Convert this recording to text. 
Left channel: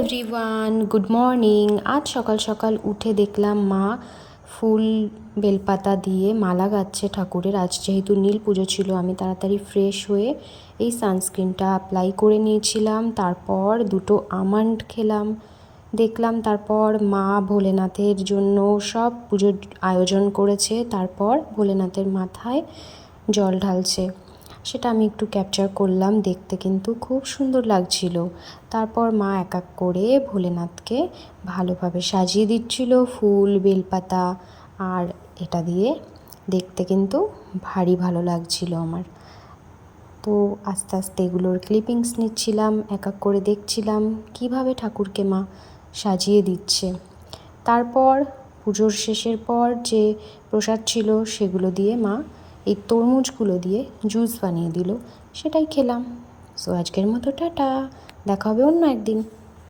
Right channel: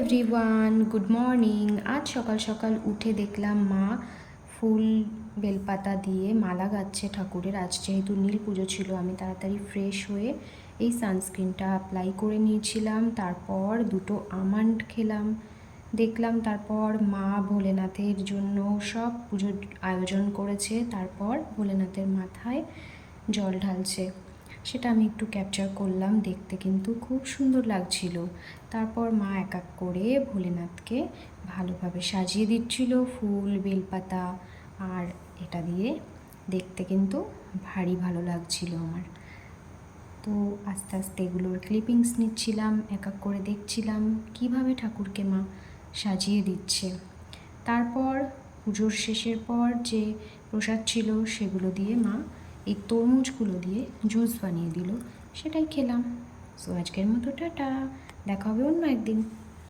Everyone, good morning. আজ সকাল সকাল উঠে দেখলাম মা ফুল বেলপাতা দিয়ে মালা গাচ্ছে ঠাকুরের। আজ যেহেতু নীল পুজো ছিল, আমি তাড়াতাড়ি ফ্রেশ হয়ে এই সানস্ক্রিনটা অ্যাপ্লাই করে নিয়েছিলাম। তারপর দুটো আমন্ড খেলাম। দেখলাম তারপর মা ভোলেনাথের জন্য সব পুজোর আয়োজন করেছে। তারপর ভোলেনাথের মাথায় জল ঢালছে, সেটা আমি একটু ক্যাপচার করলাম। দেখতে কিন্তু খুব সুন্দর লাগছিল। তারপর মা এক এক করে ভোলেনাথকে ভালোভাবে সাজিয়ে দিচ্ছিল ফুল বেলপাতা, আর এটা দিয়ে দেখতে কিন্তু ভারী ভালো লাগছিল আমার। তো আস্তে আস্তে এগুলোর ক্লিপিংস নিচ্ছিলাম, এক এক করে দেখছিলাম কিভাবে ঠাকুরকে মা সাজিয়ে দিচ্ছে। তারপর পুজোর শেষের পর যে প্রসাদ ছিল সেগুলো দিয়ে মা এই তরমুজগুলো দিয়ে জুস বানিয়ে দিল, সেটাই খেলাম। সো আজকের মতো টাটা, দেখা হবে অন্য একদিন।